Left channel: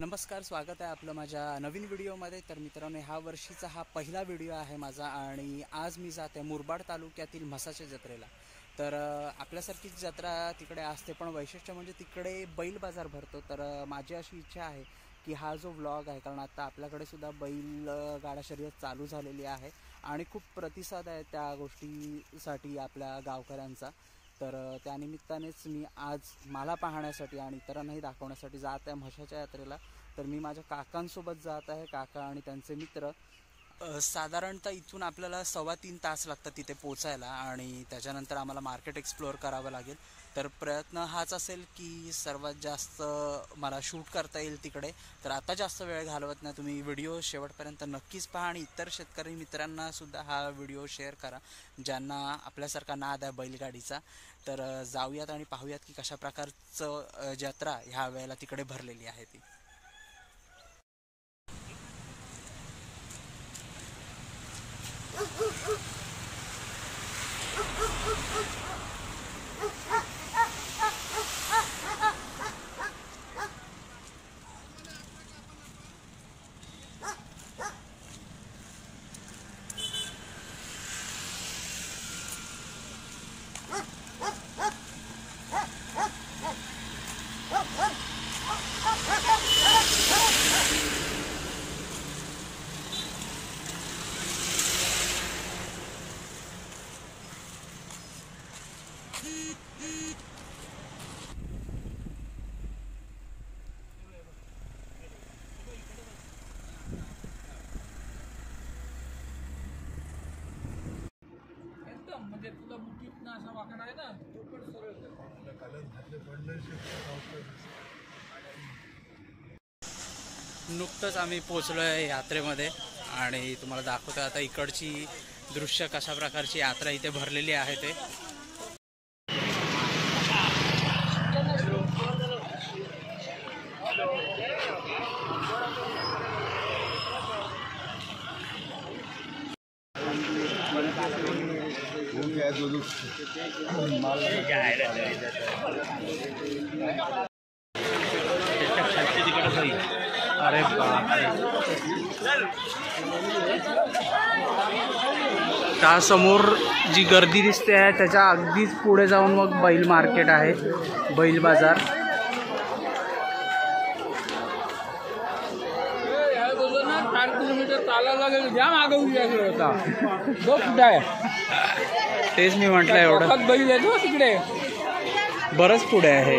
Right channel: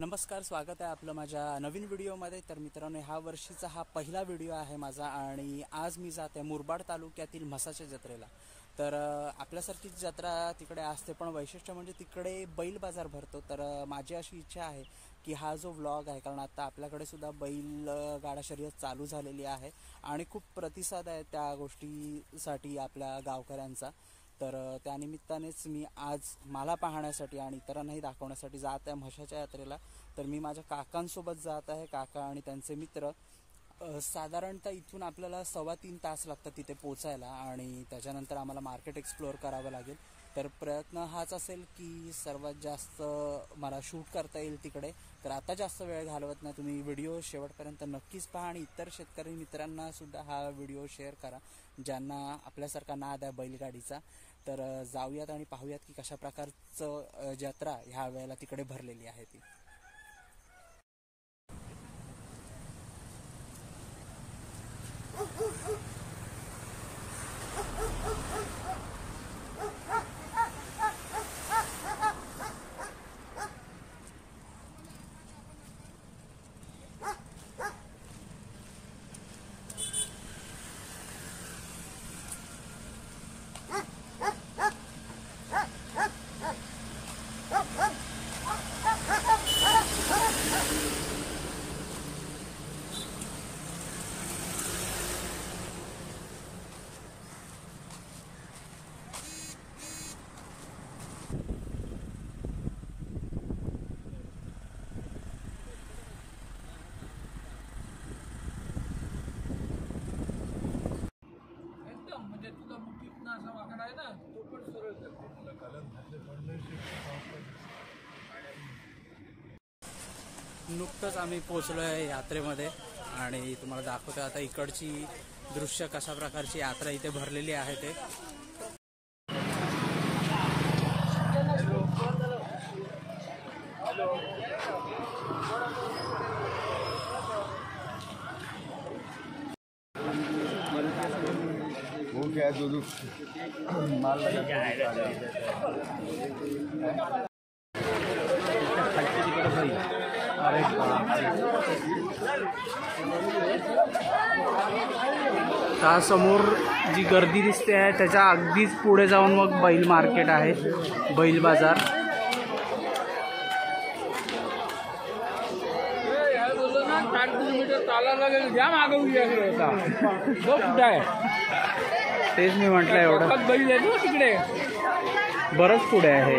नमस्कार, स्वागत आहे आपलं माझ्या नवीन व्हिडिओमध्ये। तर मित्रांनो, ह्या वर्षीचा हा पहिला व्हिडिओ आहे माझा आणि आज मी जात आहे मुरबाड तालुक्यातील म्हसाच्या जत्रेला। तर आपल्यासारखीच जत्रा तिकडे असते, पण वैशिष्ट्य म्हणजे तिकडे बैल बाजार भरतो। तर माझी अशी इच्छा आहे की हा जो व्लॉग आहे, कारण आता आपल्याकडे सुद्धा बैल गाडा शर्यत चालू झालेली आहे आणि खूप प्रतिसाद आहे त्या गोष्टीसाठी आपल्या गावकऱ्यांचा। तर त्यानिमित्तानेच मी आज मला पाहण्यासाठी आणि इतरांनाही दाखवण्यासाठी जात आहे म्हसाच्या यात्रेला। तर मी माझ्या काकांसोबत जात आहे, काका आणि त्यांचे मित्र। साधारणतः इथून आपल्याला 3.25 तास लागतात तिथे पोचायला आणि त्याच्यानंतर आम्हाला मार्केट एक्सप्लोअर करावं लागेल। तर प्रयत्न हाच असेल की सर्वात जास्त मला शूट करता येईल तिकडे। तर आता जास्त वेळ घालवत नाही, तुम्ही व्हिडिओ शेवटपर्यंत नक्कीच पहा आणि इतर शेतकरी मित्रांना सुद्धा हा व्हिडिओ शेअर करा ज्यांना आपल्यासारखा नाद आहे बैलगाडीचा। तर जाऊयात आणि पाहूयात की कशा प्रकारचं जत्रा ह्या वेळेला तिकडे भरलेली आहे ती। म्हणजे तुला मुठीत असा वाकडा आहे ना, तो पण सरळ नुकतंच आम्ही पोचलो आहे यात्रेमध्ये आणि तुम्हाला दाखवतो आता इकडची दृश्य कशा प्रकारची यात्रा इथे भरलेली आहे ते। माल अरे त्या समोर जी गर्दी दिसते आहे त्याच्या अगदीच पुढे जाऊन मग बैल मार्केट आहे, बैल बाजार। तेच मी म्हटलं, एवढं बैल आहे ना तिकडे, बरंच पुढे आहे।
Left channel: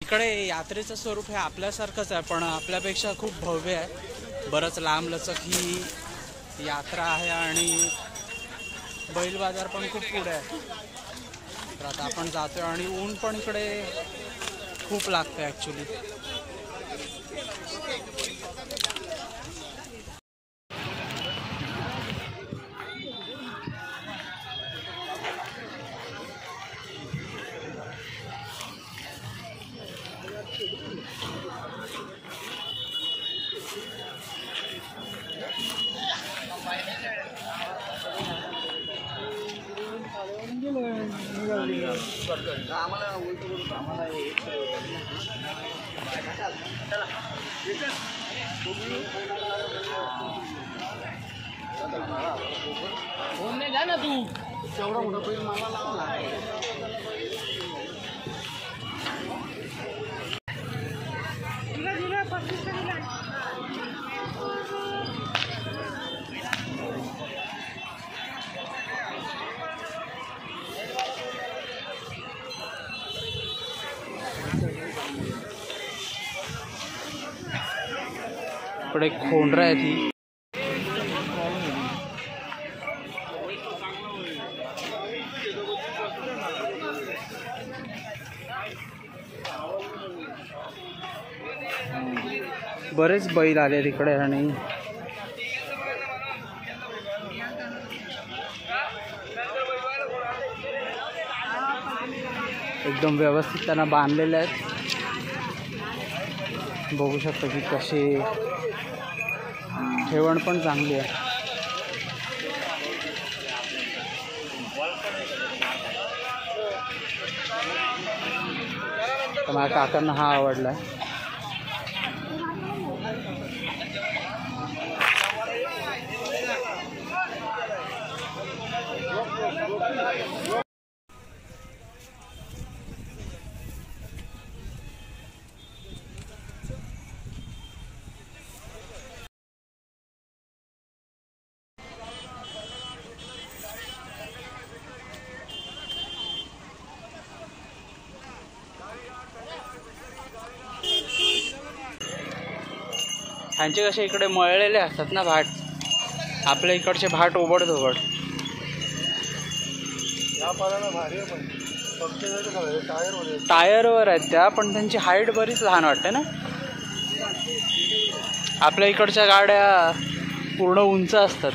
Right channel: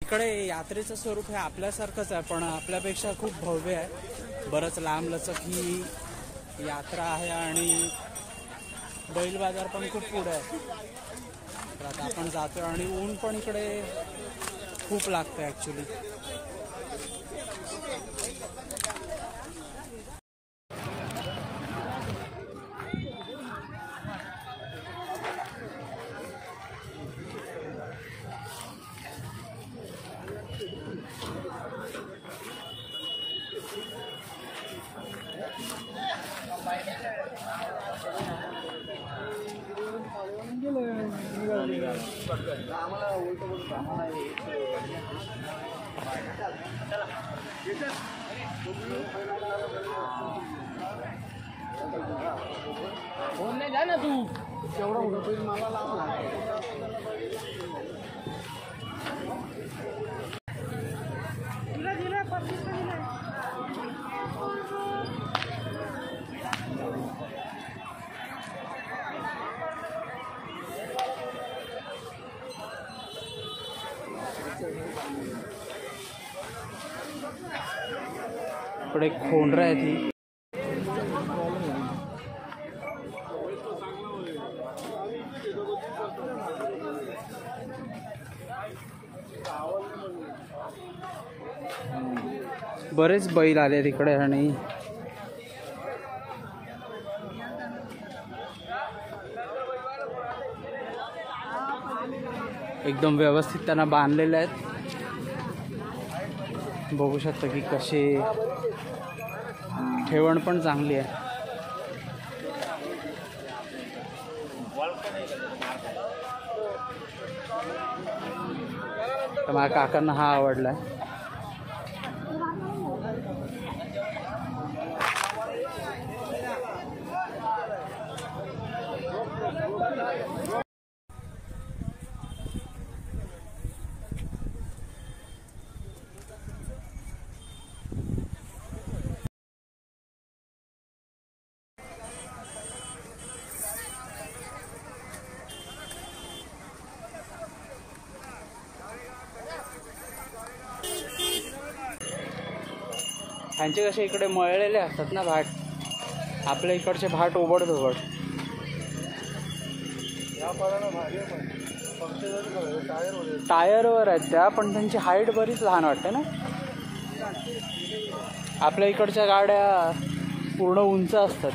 इकडे यात्रेचं स्वरूप हे आपल्यासारखंच आहे, पण आपल्यापेक्षा खूप भव्य आहे। बरंच लांब लचक ही यात्रा आहे आणि बैल बाजार पण खूप पुढे आहे। तर आता आपण जातोय आणि ऊन पण इकडे खूप लागतं ॲक्च्युली। फोन नाही जा ना तू, तेवढा होतं मला लागला। इकडे खोंडरा आहे ती। बरेच बैल आले तिकडे आणि एकदम व्यवस्थित त्यांना बांधलेले आहेत। बघू शकता की कसे ठेवण पण चांगली आहे। तर माझ्या काकांना हा आवडला आहे. ह्यांचे कसे इकडे मळलेले असतात ना भाट, आपल्या इकडचे भाट ओबडधोबड. टायरवर आहेत त्या, पण त्यांची हाईट बरीच लहान वाटते ना. आपल्या इकडच्या गाड्या पूर्ण उंच असतात.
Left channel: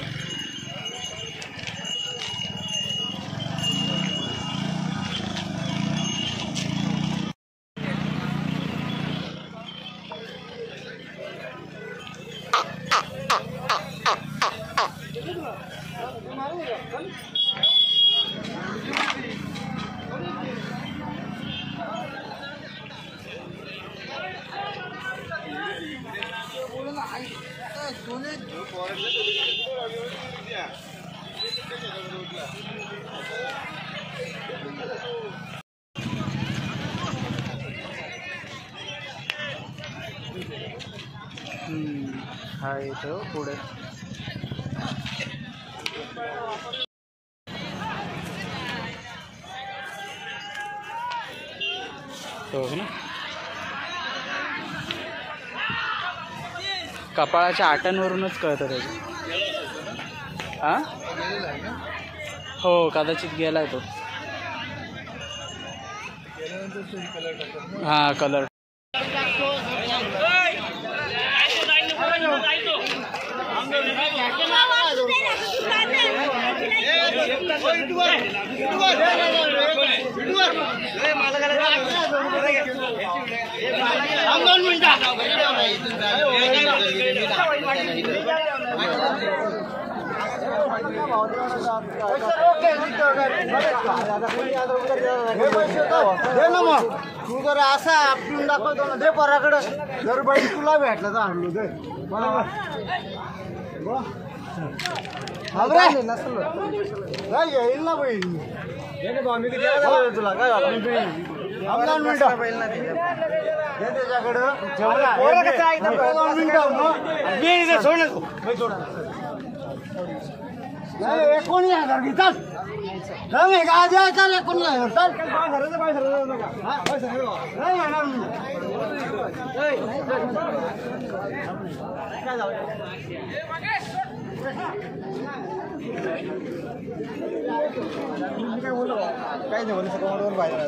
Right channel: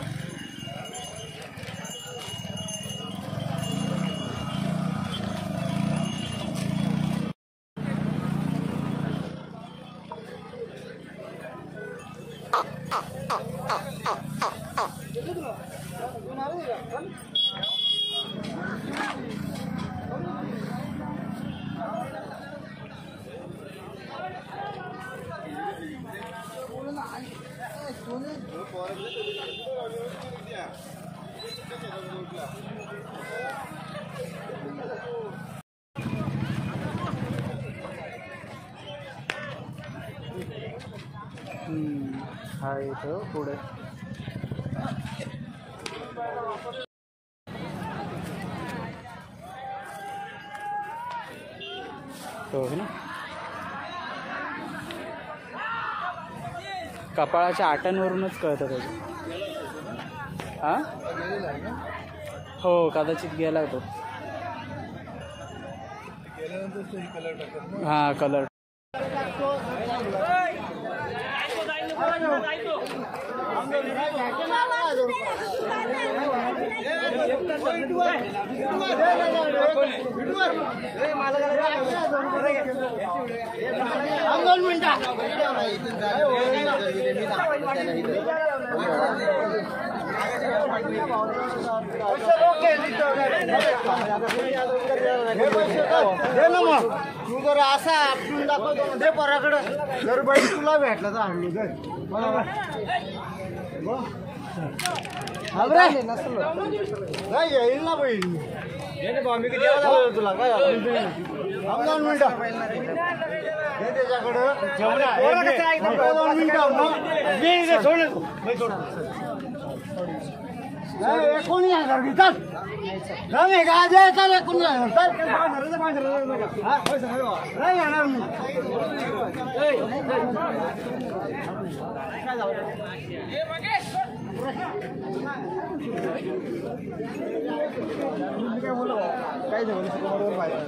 हा इथं पुढे तो ना कपाळाच्या आटांवरूनच कळतं त्याचं. हा हो कदाचित गेलाय तो. हा कलर तू जर असा आपटून दाखवतो ना दे पराकडे जर बाई तुला भेटला तर आणलो दे बरोबर. नाही येईल ना बहीण मी किती तुला काय झालं 2 मिनिटं त्याच्याकडं 2 मिनिटं सोड 19,000 घेतात नाही काय द्यायचं 19,000 नाही येणार मी काय झालं काय बोललो काय झालं बरोबर पाहिजे.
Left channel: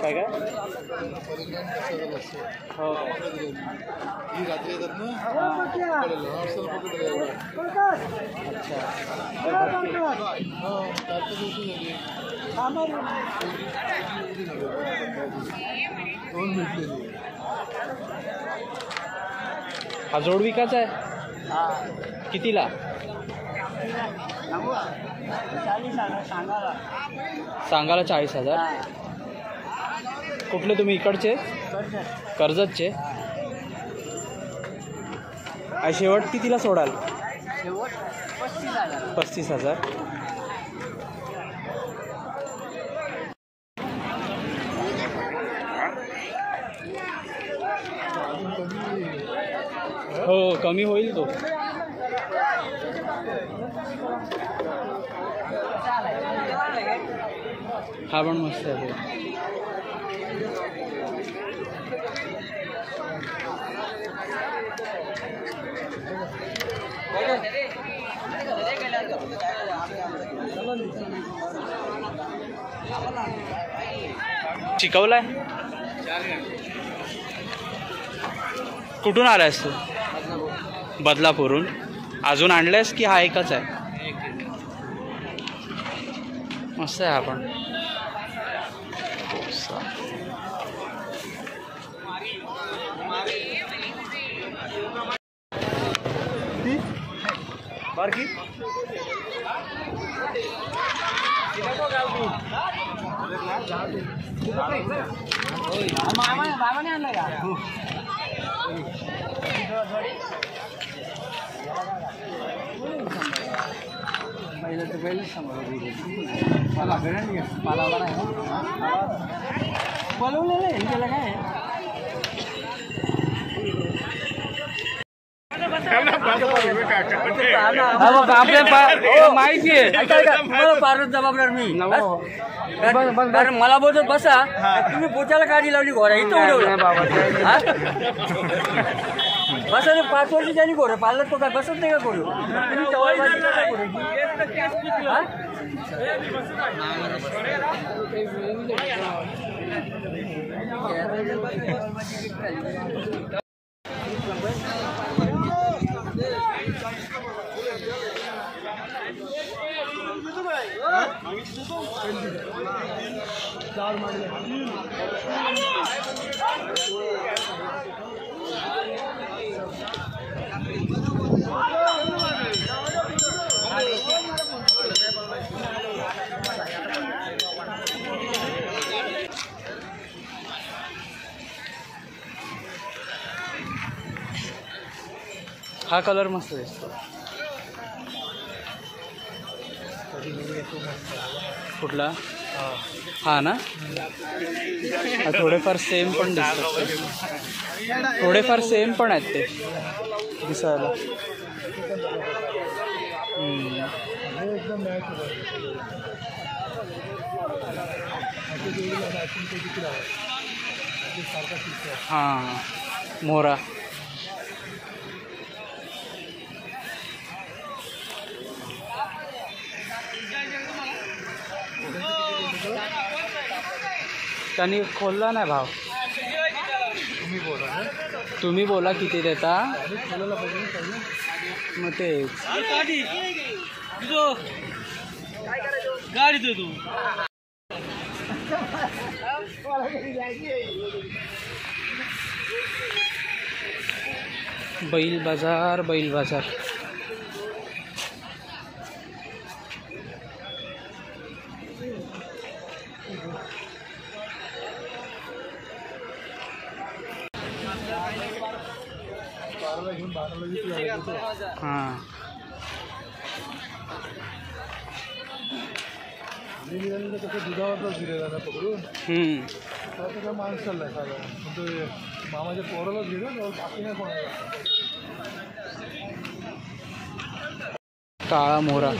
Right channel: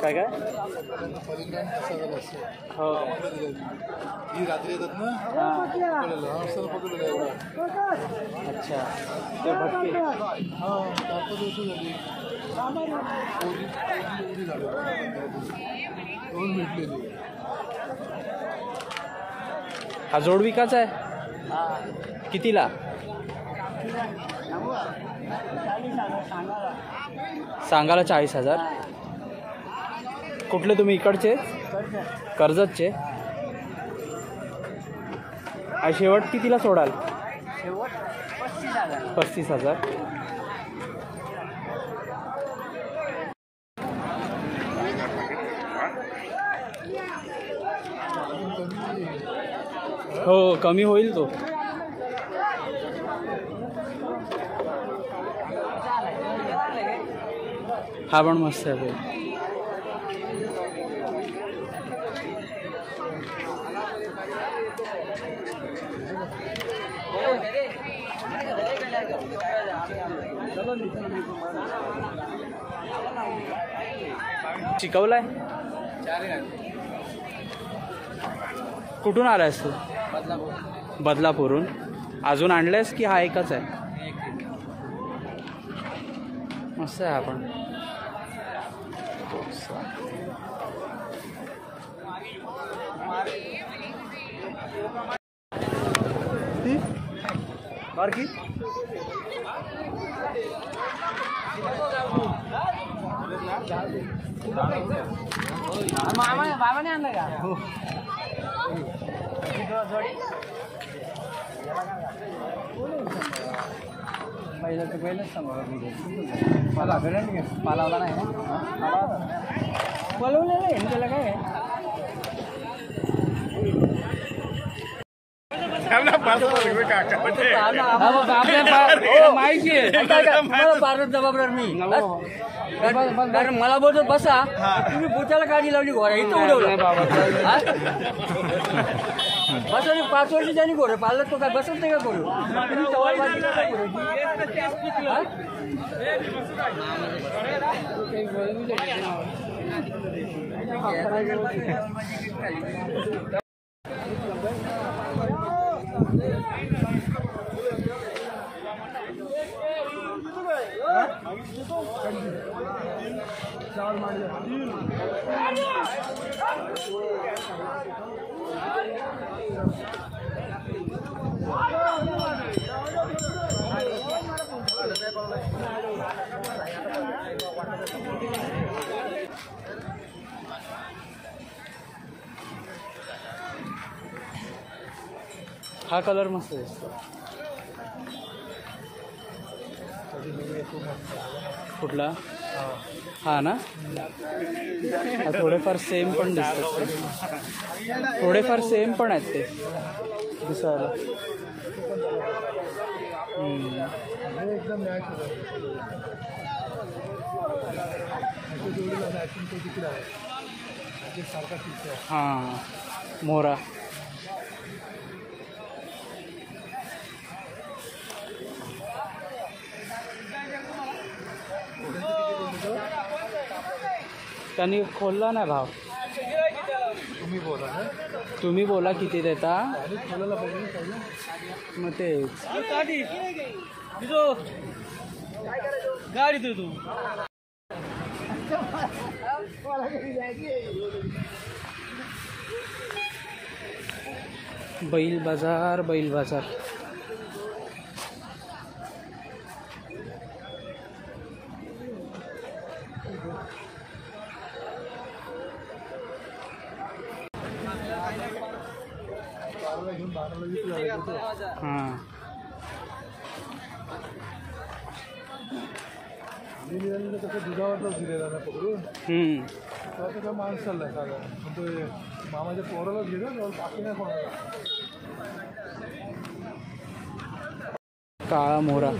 काय काय हो अच्छा हा जोड विकायचा आहे कितीला? सांगायला 40,000. कुठले तुम्ही इकडचे? कर्जतचे. शेवट कितीला सोडाल? 35,000. हो कमी होईल तो. हा पण मस्त आहे तो. शिकवलाय कुठून आलायस तू? बदलापूरहून. अजून आणलंयस की हा एकच आहे? मस्त आहे. आपण बारकी बाबाने आणलं का? पहिलं तर पहिलंच सांगा मला पालावला नाही ना पलवलेलं आहे त्याला काय तुम्हाला पारच जबाबदार नाही कारण मला बोलत बसा तुम्ही पोचायला गाडी लावली घोडा इथं उडवलं बसा 5 वर्ष ज्यांनी घोडं पाळलं तो काय बसत नाही का घोडू तुम्ही सवालबाजी काय हा कलर मस्त दिसतो. कुठला? हा ना. थोडेफार सेम पण दिसतात. थोडेफार सेम पण आहेत ते दिसायला. हां मोहरा. त्यांनी खोलला नाही भाव. तुम्ही बोला किती देता मग तेच गाडी तू बैल बाजार. बैल बाजार हां. कसं दुधावरच दिलेला ना पकडून त्याचा माणूस चाललाय साधारण पण तो मामाच्या पोरालाच गेलो बाकी नाही कोणाला. काळा मोहरा.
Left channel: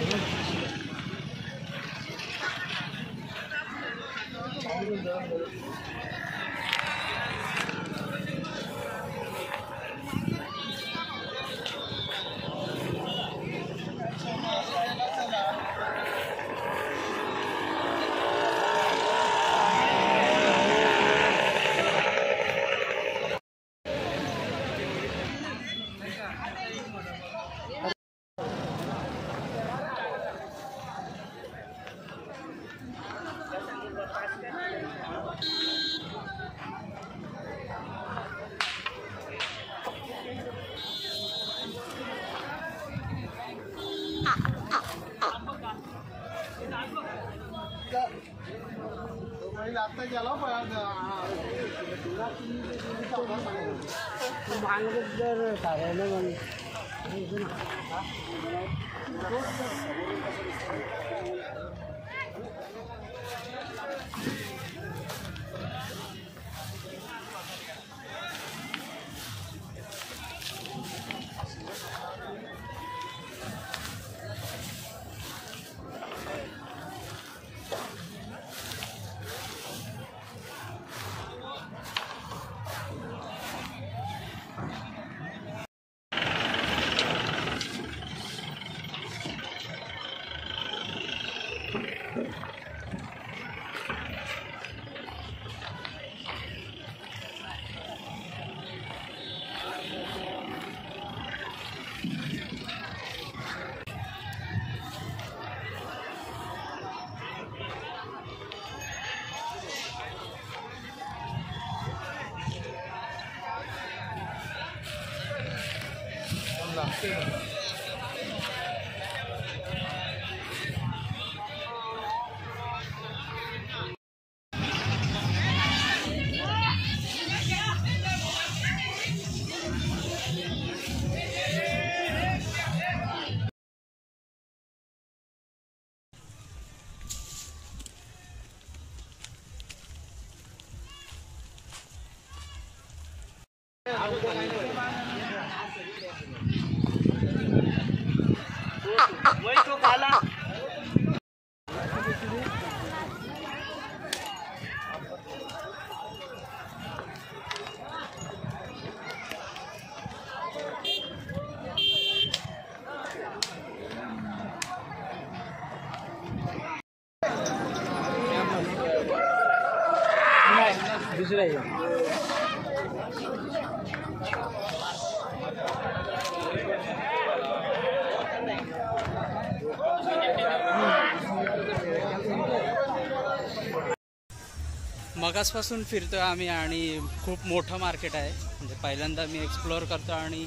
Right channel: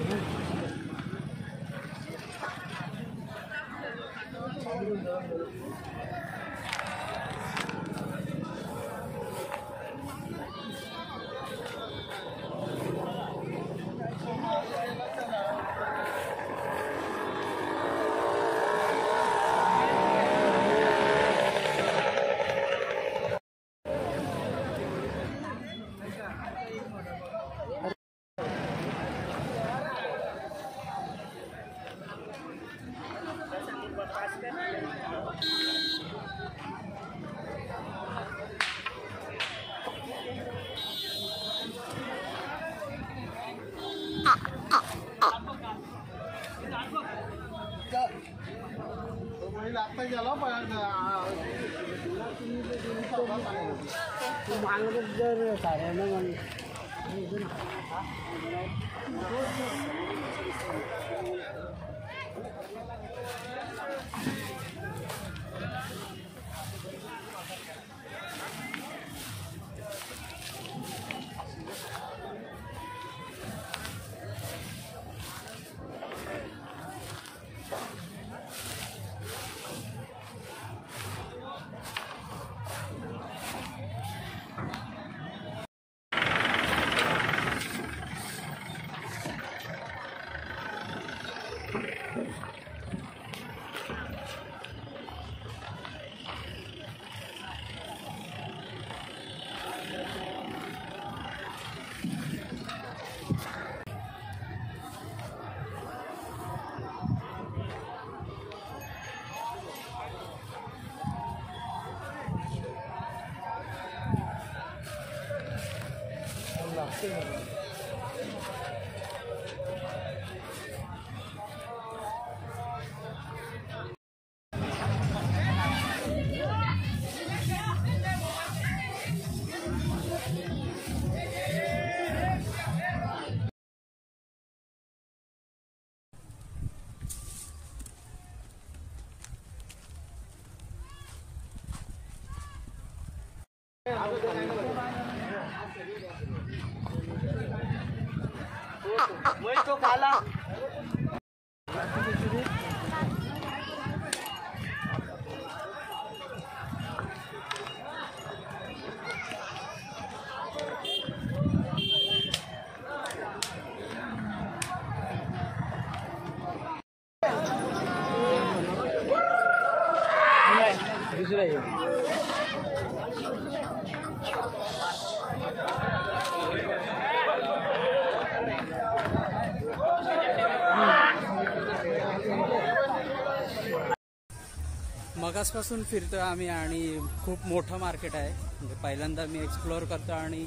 मगासपासून फिरतोय आम्ही आणि खूप मोठं मार्केट आहे. म्हणजे पहिल्यांदा मी एक्सप्लोअर करतो आणि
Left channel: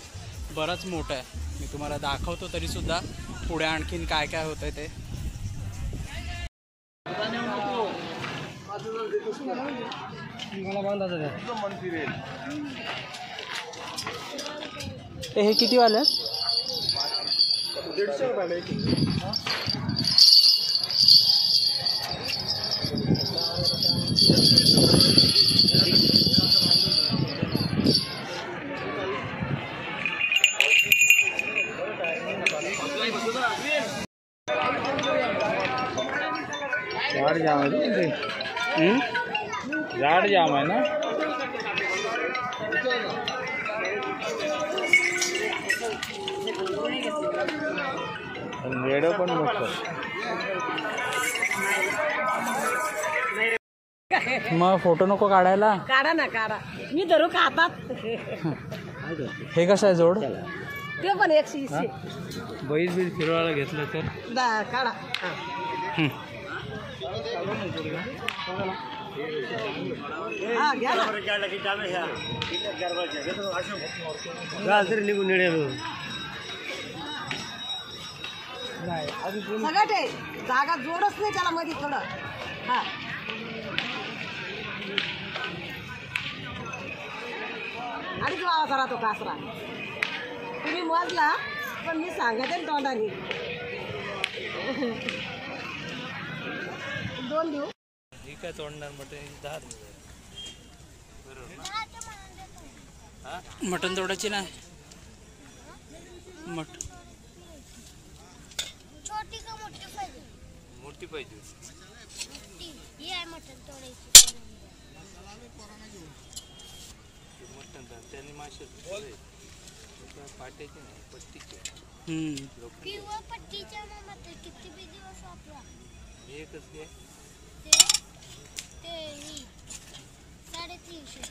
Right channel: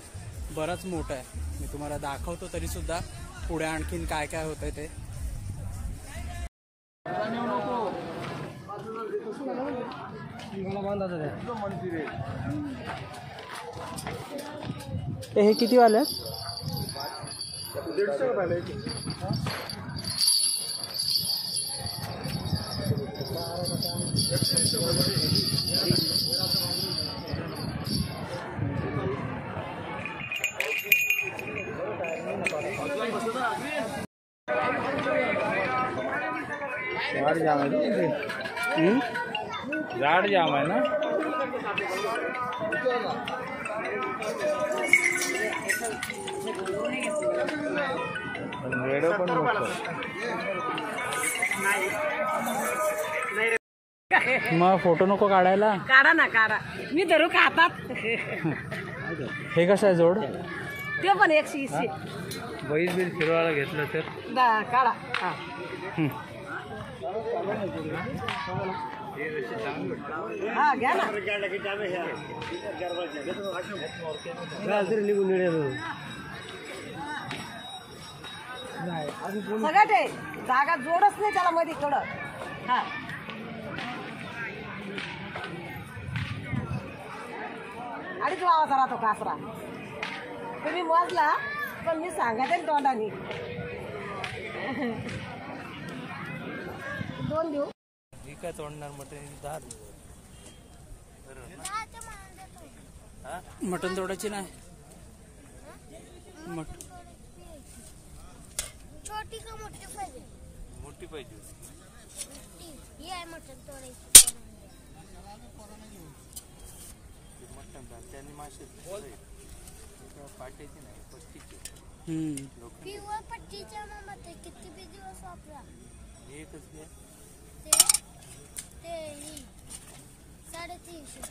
बरंच मोठं आहे. मी तुम्हाला दाखवतो तरी सुद्धा पुढे आणखीन काय काय होतंय ते. हे किती वाले? 150 रुपये. गाड़ी जाम है, गाड़ी जाम है ना. वेडो पण मग फोटो नको काढायला? काढा ना काढा, मी धरू का हातात. हे कसं आहे जोड? ते पण 120. बैल बिल फिरवायला घेतलं तर काढा. हा घ्या ना. निघून निघेल सगळं ते जागा जोडच नाही त्याला मध्ये थोडं. हा अडीच वावा राहतो कासरा. तुम्ही मोजला पण मी सांगते तोंडाने. 2 देऊ. ठीक आहे, तोडणार मटण 10 मटण तोडायची नाही. छोटी का मोठी पाहिजे? मोठी पाहिजे. मोठी ही आहे मटण तोडायची. मटण त्यांनी मासे पाट्याचे नाही, पट्टीचे. किंवा पट्टीच्या मग किती बी दिवस वापरा. एकच घे. ते ही 350.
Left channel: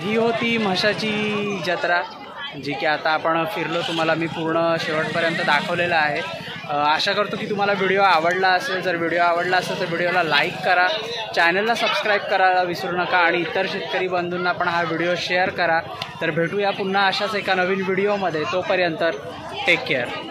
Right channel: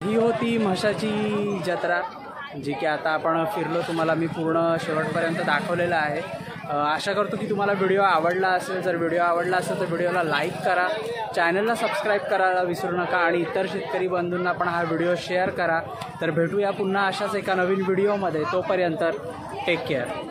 ही होती म्हशाची जत्रा, जी की आता आपण फिरलो. तुम्हाला मी पूर्ण शेवटपर्यंत दाखवलेलं आहे. आशा करतो की तुम्हाला व्हिडिओ आवडला असेल. जर व्हिडिओ आवडला असेल तर व्हिडिओला लाईक करा, चॅनलला सबस्क्राईब करायला विसरू नका आणि इतर शेतकरी बंधूंना पण हा व्हिडिओ शेअर करा. तर भेटूया पुन्हा अशाच एका नवीन व्हिडिओमध्ये. तोपर्यंत टेक केअर.